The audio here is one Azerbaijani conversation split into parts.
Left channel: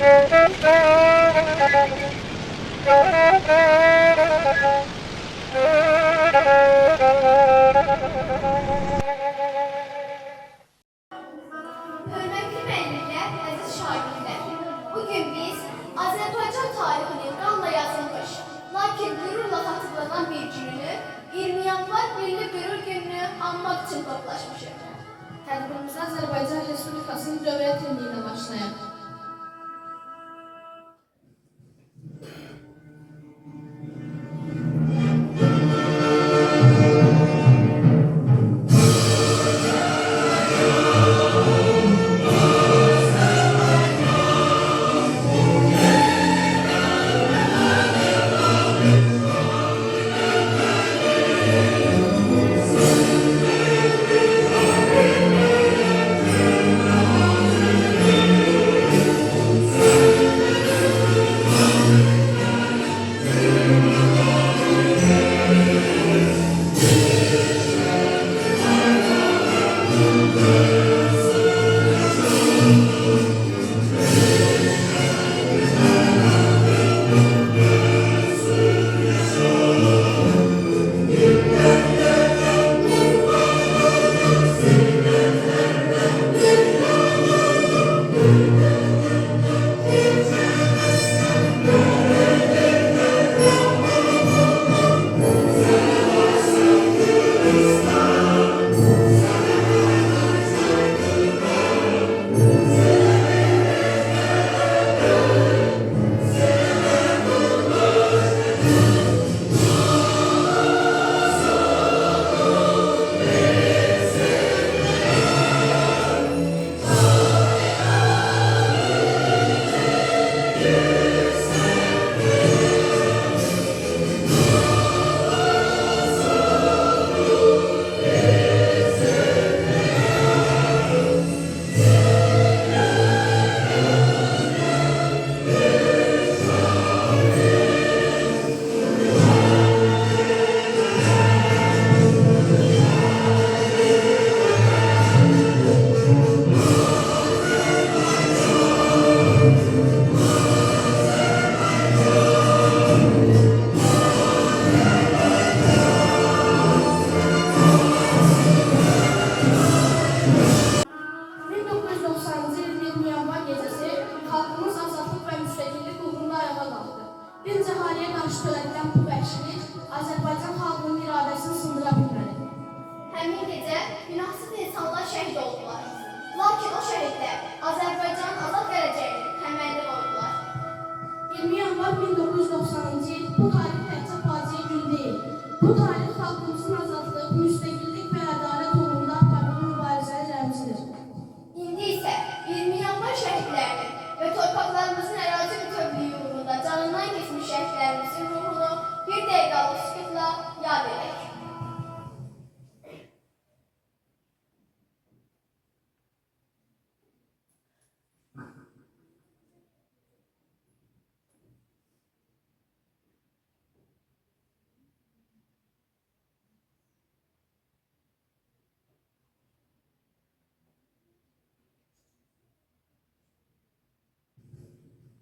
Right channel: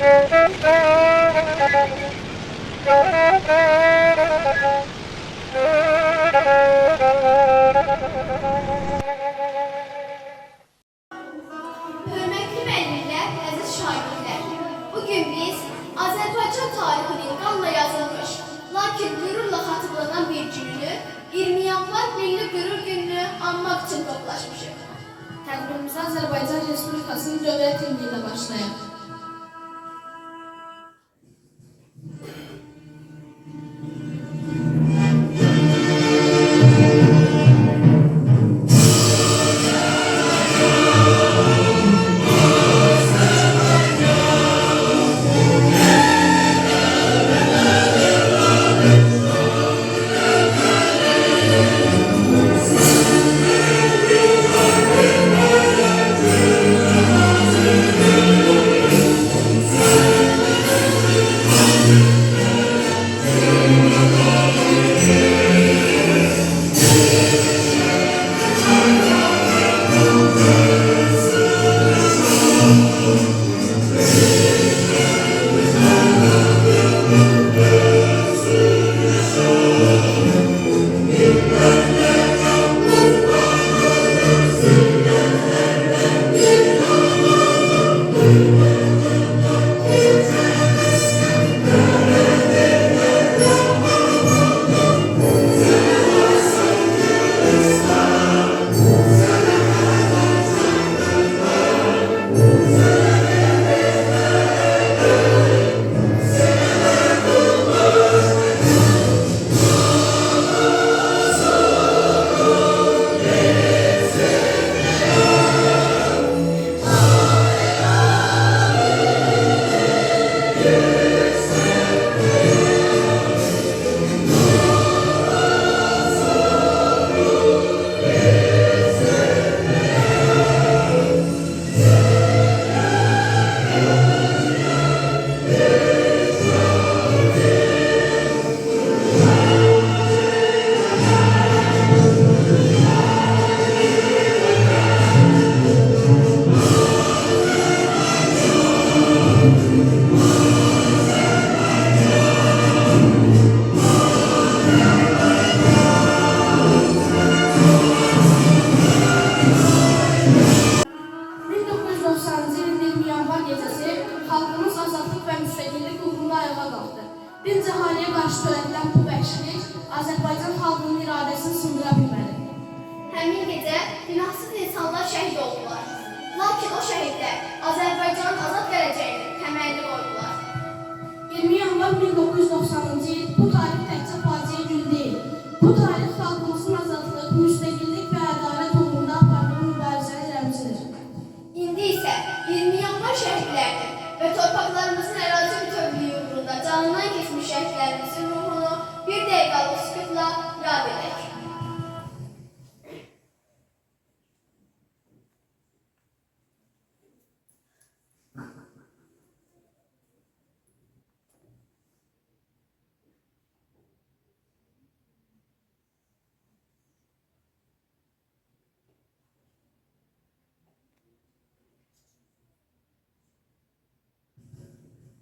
Hörmətli müəllimlər, əziz şagirdlər, bugün biz Azərbaycan tarixinin qanla yazılmış, lakin qürurla xatırlanan bir gününü, 20 yanvar Milli Qürur Gününü anmaq üçün toplaşmışıq. Tədbirimizə Azərbaycan Respublikasının dövlət himni ilə başlayaq. Dinc əhaliyə qarşı törədilən bu vəhşilik Azərbaycan xalqının iradəsini sındıra bilməlidir. Həmin gecə günahsız insanlar şəhid oldular. Lakin o şəhidlər Azərbaycanın azad gələcəyinin təməlini qoydular. 20 yanvar 1990-cı il bu tarix təkcə faciə gün deyil. Bu tarix xalqımızın azadlıq, müstəqillik və ədalət uğrunda apardığı mübarizəni rəmzidir. İndi isə 20 yanvar şəhidlərinin və torpaqlarımızın ərazi bütövlüyü uğrunda canından keçmiş şəhidlərimizin ruhunu bir dəqiqəlik sükutla yad edək.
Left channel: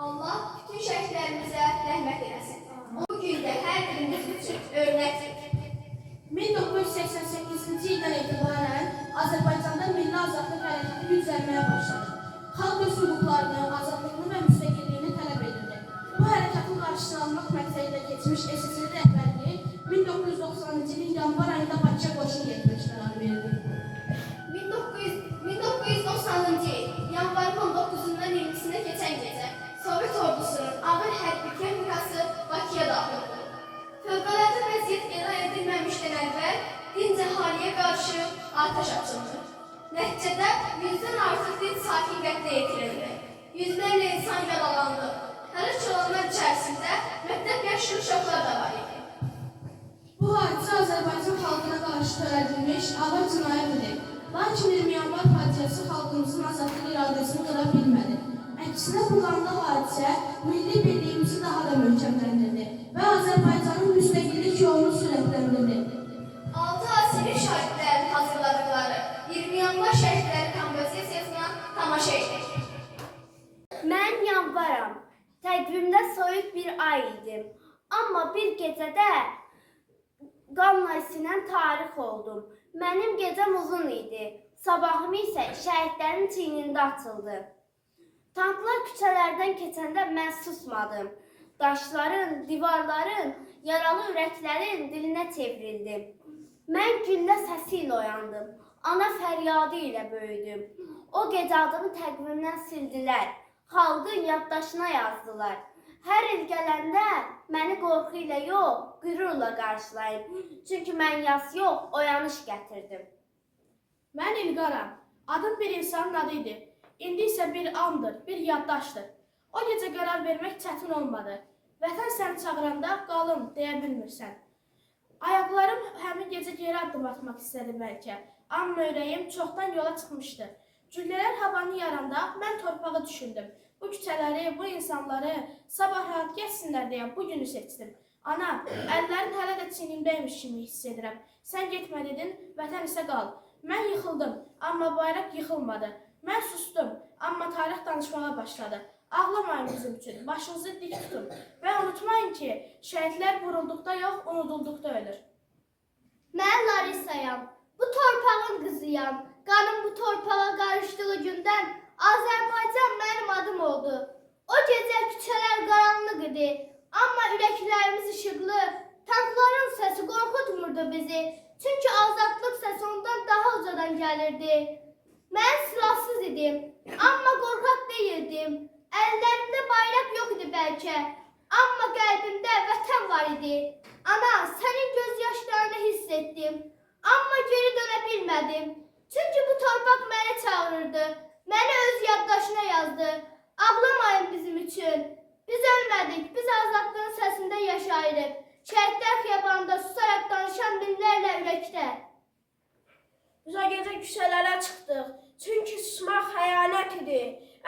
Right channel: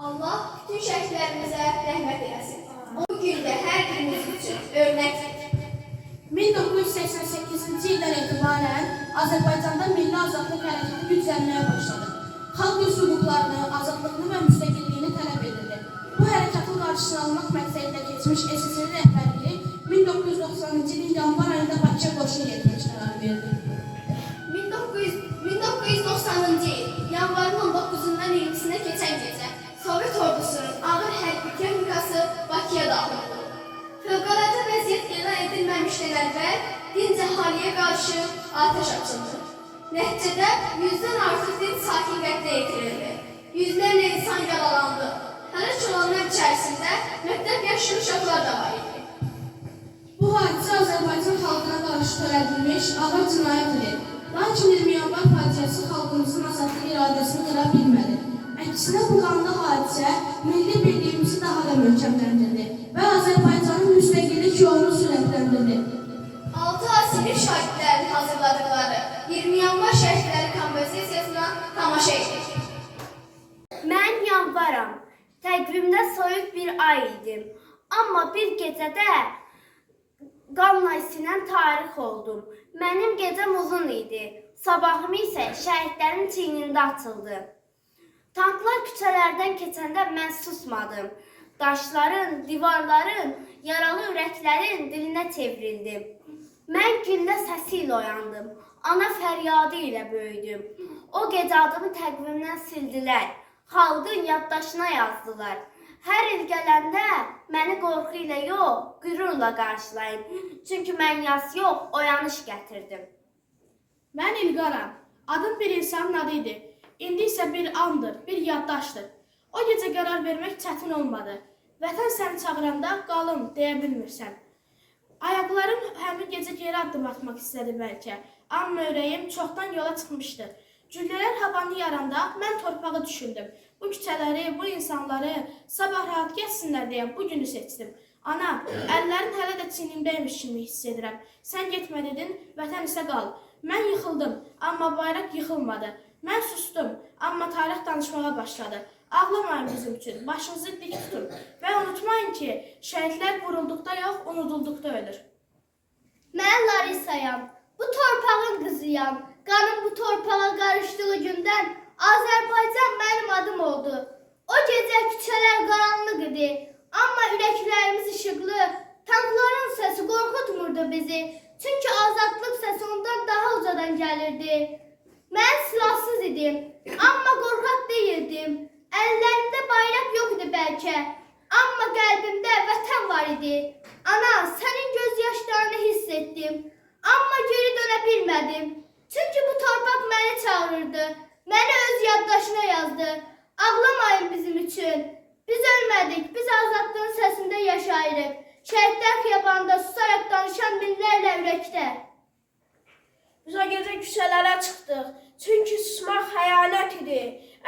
Allah bütün şəhidlərimizə rəhmət eləsin. Bu gün də hər birimiz üçün örnəkdir. 1988-ci ildən etibarən Azərbaycanda milli azadlıq hərəkəti güclənməyə başladı. Xalq öz hüquqlarını, azadlığını və müstəqilliyini tələb edirdi. Bu hərəkatın qarşısını almaq məqsədilə keçmiş SSR rəhbərliyi 1990-cı ilin yanvar ayında Bakıya qoşun yetirmək qərarı verdi. 1990-cı il yanvarın 19-dan 20-sinə keçən gecə Sovet ordusunun ağır hərbi texnikası Bakıya daxil oldu. Fövqəladə vəziyyət elan edilməmişdən əvvəl dinc əhaliyə qarşı atəş açıldı. Nəticədə 100-dən artıq dinc sakin qətlə yetirildi. Yüzlərlə insan yaralandı. Həlak olanlar içərisində məktəb yaşlı uşaqlar da var idi. Bu hadisə Azərbaycan xalqına qarşı törədilmiş ağır cinayət idi. Lakin 20 yanvar faciəsi xalqımızın azadlıq iradəsini qıra bilmədi. Əksinə bu qanlı hadisə milli birliyimizi daha da möhkəmləndirdi və Azərbaycanın müstəqillik yolunu sürətləndirdi. 6 asili şahidlərin hazırladıqları 20 yanvar şəhidləri kompozisiyasına tamaşa etdik. Mən yanvaram. Təqvimdə soyuq bir ay idim. Amma bir gecədə qanla isinən tarix oldum. Mənim gecəm uzun idi. Sabahım isə şəhidlərin çiynində açıldı. Tanklar küçələrdən keçəndə mən susmadım. Daşların, divarların, yaralı ürəklərin dilinə çevrildim. Mən güllə səsi ilə oyandım. Ana fəryadı ilə böyüdüm. O gecə adımı təqvimdən sildilər. Xalqın yaddaşına yazdılar. Hər il gələndə məni qorxu ilə yox, qürurla qarşılayın. Çünki mən yas yox, oyanış gətirdim. Mən İlqaram. Adım bir insanın adı idi. İndi isə bir andır, bir yaddaşdır. O gecə qərar vermək çətin olmadı. Vətən səni çağıranda qalım deyə bilmirsən. Ayaqlarım həmin gecə geri addım atmaq istədi bəlkə. Amma ürəyim çoxdan yola çıxmışdı. Güllələr havanı yaranda mən torpağı düşündüm. Bu küçələri, bu insanları sabah rahat geçsinlər deyə bu günü seçdim. Ana, əllərin hələ də çiynimdəymiş kimi hiss edirəm. Sən getmə dedin, vətən isə qal. Mən yıxıldım, amma bayraq yıxılmadı. Mən sustum, amma tarix danışmağa başladı. Ağlamayın bizim üçün, başınızı dik tutun. Və unutmayın ki, şəhidlər vurulduqda yox, unudulduqda ölür. Mən Larisayam, bu torpağın qızıyam. Qanım bu torpağa qarışdığı gündən Azərbaycan mənim adım oldu. O gecə küçələr qaranlıq idi, amma ürəklərimiz işıqlı. Tankların səsi qorxutmurdu bizi, çünki azadlıq səsi ondan daha ucadan gəlirdi. Mən silahsız idim, amma qorxaq deyildim. Əllərimdə bayraq yox idi bəlkə, amma qəlbimdə vətən var idi. Ana, sənin göz yaşlarını hiss etdim, amma geri dönə bilmədim. Çünki bu torpaq məni çağırırdı, məni öz yaddaşına yazdı. Ağlamayın bizim üçün. Biz ölmədik, biz azadlığın səsində yaşayırıq. Şəhidlər xiyabanda susaraq danışan minlərlə ürəkdə. Biz o gecə küçələrə çıxdıq, çünki susmaq xəyanət idi.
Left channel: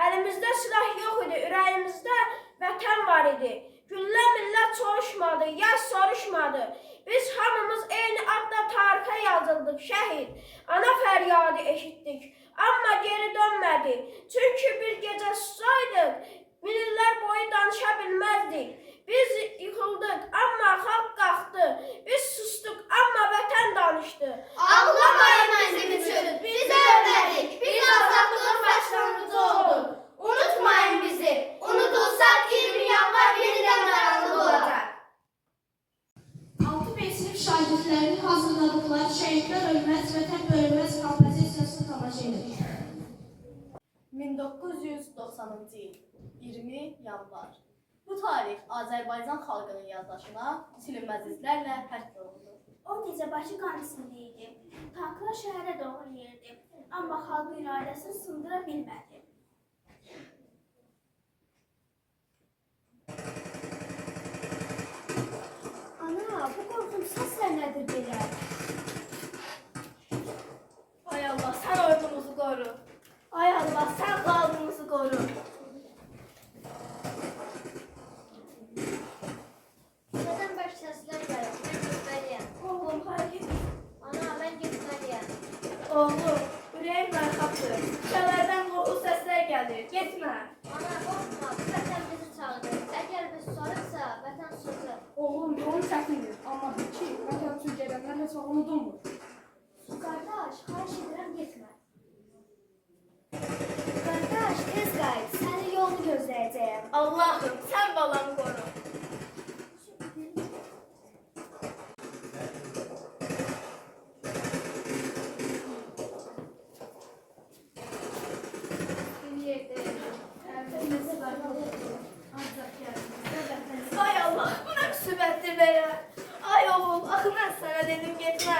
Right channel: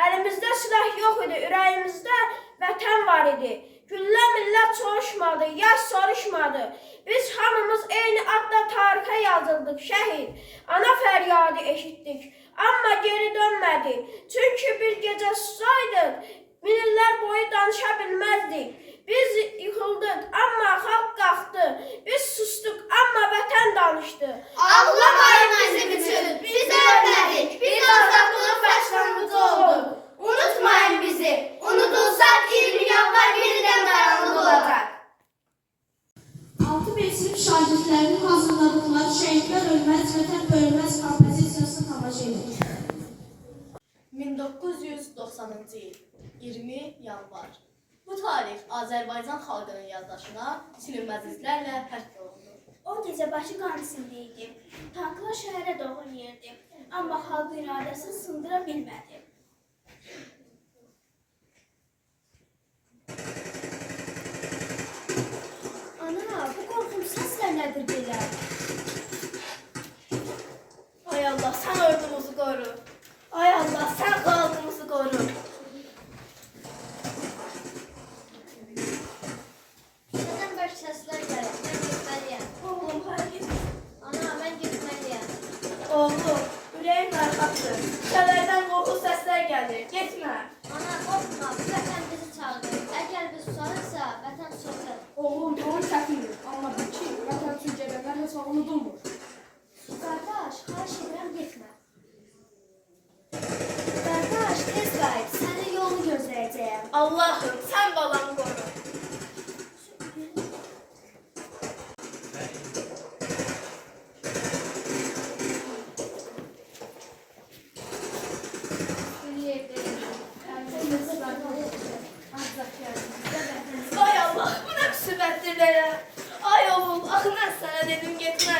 Əlimizdə silah yox idi, ürəyimizdə vətən var idi. Güllə millət soruşmadı, yaş soruşmadı. Biz hamımız eyni adda tarixə yazıldıq, şəhid. Ana fəryadı eşitdik, amma geri dönmədik. Çünki bir gecə susaydıq, minillər boyu danışa bilməzdik. Biz yıxıldıq, amma xalq qalxdı. Biz sustuq, amma vətən danışdı. Ağlamayın bizim üçün, biz ölmədik, biz azadlığın başlanğıcı olduq. Unutmayın bizi, unudulsak 20 yanvar yenidən qaranlıq olacaq. 6 sinif şagirdlərinin hazırladıqları Şəhidlər Ölməz, Vətən Bölünməz kompozisiyasını tamaşa edirik. 1990-cı il 20 yanvar. Bu tarix Azərbaycan xalqının yaddaşına silinməz izlərlə həkk olundu. O gecə başı qan içində idi. Tanklar şəhərə doğru yerdi, amma xalq iradəsini sındıra bilmədi. Ana, bu qorxum səslər nədir belə? Ay Allah, sən ordumuzu qoru. Ay Allah, sən xalqımızı qoru. Nədən bərk səslər gəlir, mən getməliyəm. Oğlum, hərgis. Ana, mən getməliyəm. Oğlum, ürəyim narahatdır. Küçələrdən qorxu səslər gəlir. Getmə. Ana, qorxma, vətən bizi çağırır. Əgər biz susarıqsa, vətən susacaq. Oğlum, yolun çətindir, amma bil ki, vətən üçün gələnlər heç unudulmur. Qardaş, xahiş edirəm getmə. Qardaş, tez qayıt, səni yolunu gözləyəcəyəm. Allahım, sən balamı qoru. Ay Allah, bu nə müsibətdir belə. Ay oğul, axı mən sənə dedim getmə.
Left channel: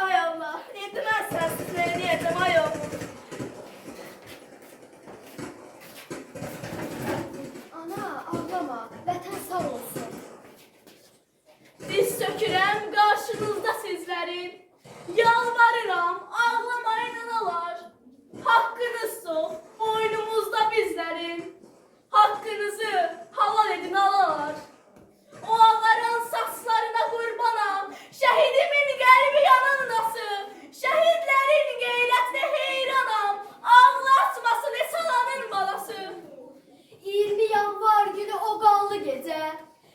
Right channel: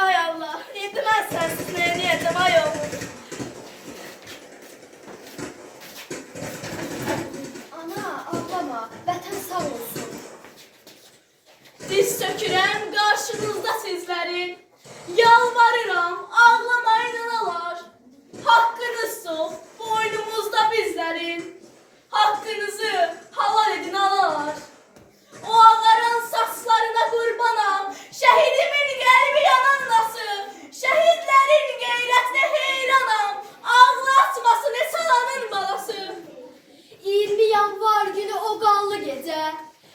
Ay Allah, indi mən sənsiz nə edəcəm, ay oğul. Ana, ağlama, vətən sağ olsun. Diz çökürəm qarşınızda sizlərin. Yalvarıram, ağlamayın analar. Haqqınız çox, boynumuzda bizlərin. Haqqınızı halal edin analar. O ağaran saçlarına qurbanam, şəhidimin qəlbi yanan nasıl? Şəhidlərin qeyrətinə heyranam, ağlı açmasın esalanın balası. 20 qanlı gecə.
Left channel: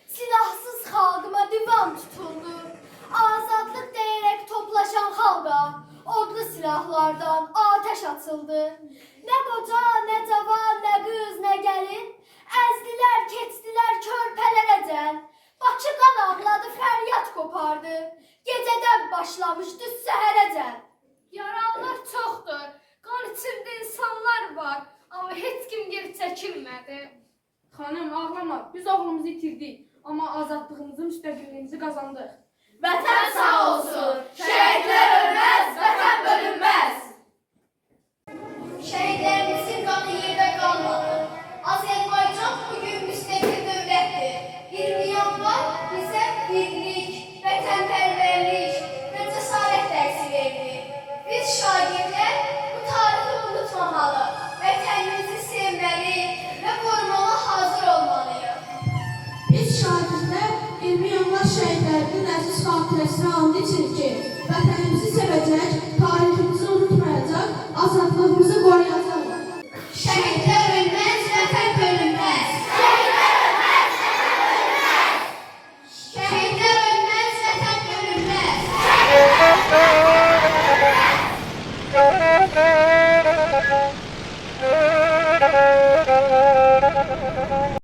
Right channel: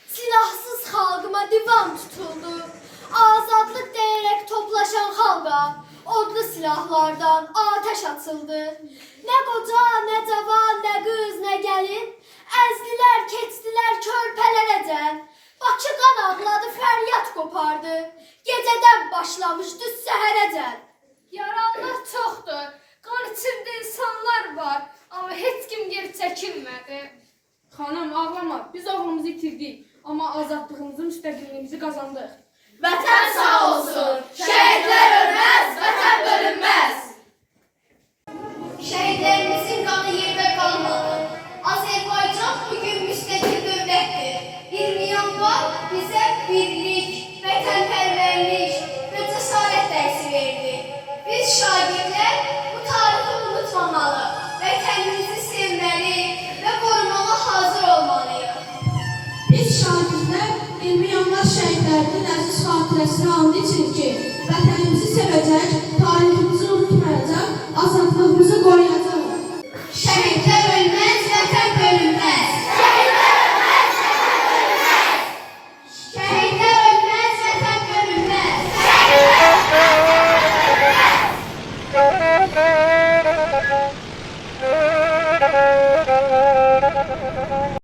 Silahsız xalqıma divan tutuldu. Azadlıq deyərək toplaşan xalqa odlu silahlardan ateş atıldı. Nə qoca, nə cavan, nə qız, nə gəlin, əzdilər, keçdilər körpələrəcən. Bakı qan ağladı, fəryad qopardı. Gecədən başlamışdı səhərəcən. Yaralılar çoxdur, qan içində insanlar var, amma heç kim geri çəkilmədi. Xanım, ağlama. Biz oğlumuzu itirdik, amma azadlığımızı, müstəqilliyimizi qazandıq. Vətən sağ olsun. Şəhidlər ölməz, vətən bölünməz. Şəhidlərimizin qanı yerdə qalmadı. Azərbaycan bugün müstəqil dövlətdir. 20 yanvar bizə birlik, vətənpərvərlik və cəsarət dərsi verdi. Biz şagirdlər bu tarixi unutmamalı, vətənimizi sevməli və qorumalı hazır olmalıyıq. Biz şagirdlər 20 yanvar şəhidlərinin əziz xatirəsini and için ki, vətənimizi sevəcək,